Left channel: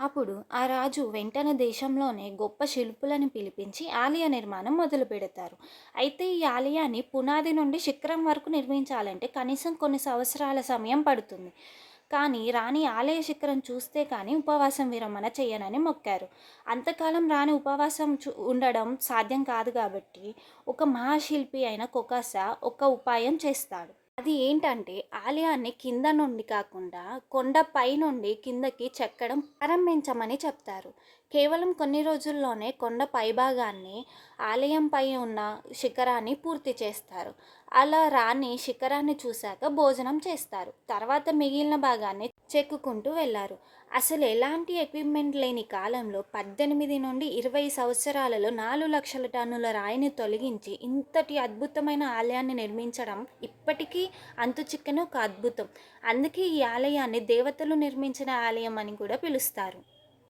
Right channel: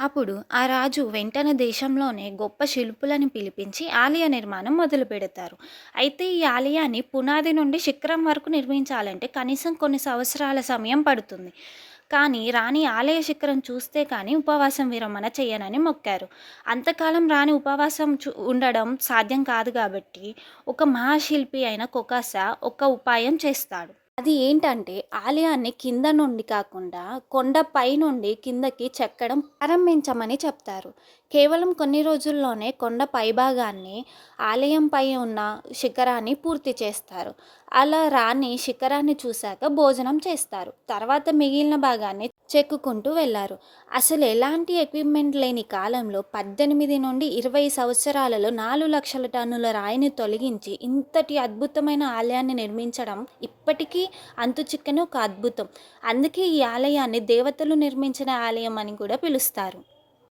అప్పుడు ఆ రాజు వెంటనే దేశంలోనే గొప్ప శిల్పులని పిలిపించి ఆలయ నిర్మాణం మొదలుపెడతారు. అయితే ఈ ఆలయాన్ని పునాది నుండి శిఖరం వరకు నిర్మించాలంటే కనీసం కొన్ని సంవత్సరాల సమయం పడుతుంది. కానీ రాణి ఆలయ శిఖరం చూస్తే కానీ ఉపవాసం విరమణ చేయనని మొక్కారు. అంతకాలం రాణి ఉపవాసం ఉండడం సాధ్యం కాదు కాబట్టి ఒక మహాశిల్పి అయిన కొకాసా ఒక ఉపాయం చేస్తాడు. అది ఏంటంటే ఆలయాన్ని కింద నుండి కాకుండా కొండపై నుండి కిందకి చెక్కడం ప్రారంభించమని చెప్తారు. కేవలం కొన్ని రోజుల్లోనే కొండ పైభాగాన్ని ఆలయంపై ఉన్న శిఖరాన్ని పూర్తి చేస్తారు. అలా రాణి శిఖరాన్ని చూశాక భోజనం చేస్తారు. తర్వాత మిగిలిన భాగాన్ని చెక్కుకుంటూ వెళ్ళారు. అసలు ఎలాంటి ఎక్విప్మెంట్ లేని కాలంలో 18 నుండి 20 సంవత్సరాలలో 4,00,000 టన్నుల రాయిని తొలగించి ఇంతటి అద్భుతమైన ఆలయాన్ని నిర్మించడం ఇప్పటికీ అంతుచిక్కని ఒక అద్భుతం. అందుకే ఈ ఆలయాన్ని దేవతలు నిర్మించిన ఆలయం అని కూడా పిలుస్తారు.